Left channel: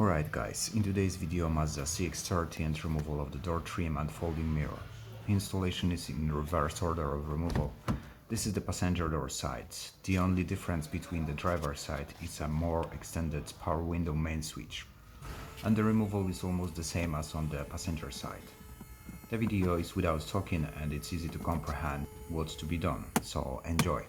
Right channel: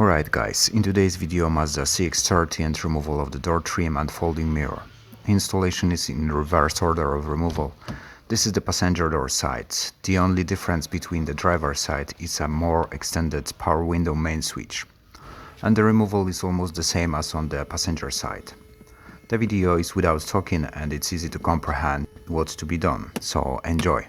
Alright guys, in today's video Mazda CX30 and removal of the door trim and folding mirror. Installation is in reverse order of removal. This is the passenger door side. The only difference between the driver side is a more extended power window main switch. And the removal is almost the same as on the passenger side. The video is without talking and it's easy to comprehend what's to be done, so enjoy.